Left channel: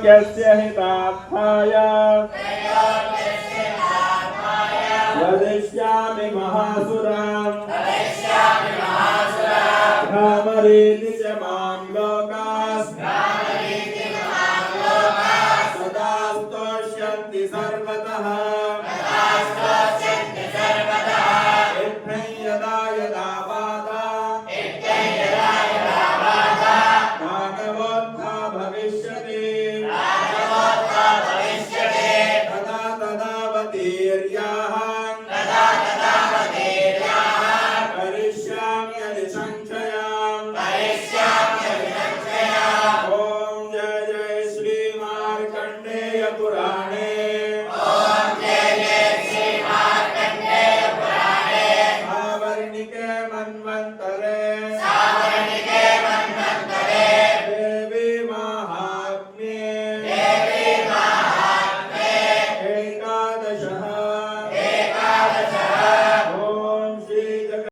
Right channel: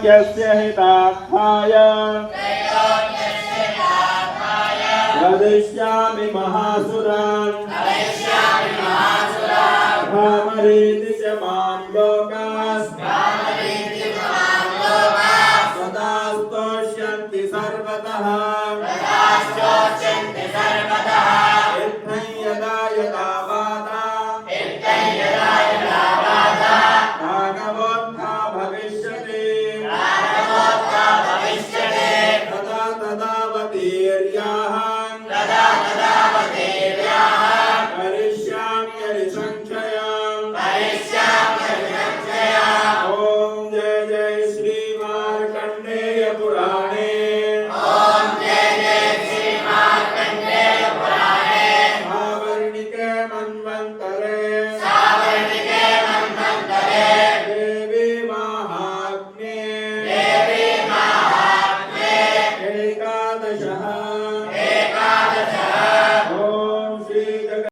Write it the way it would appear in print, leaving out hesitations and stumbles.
त्रैलोक्यस्य हितार्थाय वदिष्यामि महासुरान् भ्रामरीति च मां लोकाः सदा स्तोष्यन्ति सर्वतः इत्थं यदा यदा वादा भागवोत्था भविष्यति तदा तदा वतीर्याः करिष्यामि हरिसंक्षयाम् ॐ जय जय श्री मार्कण्डेय पुराण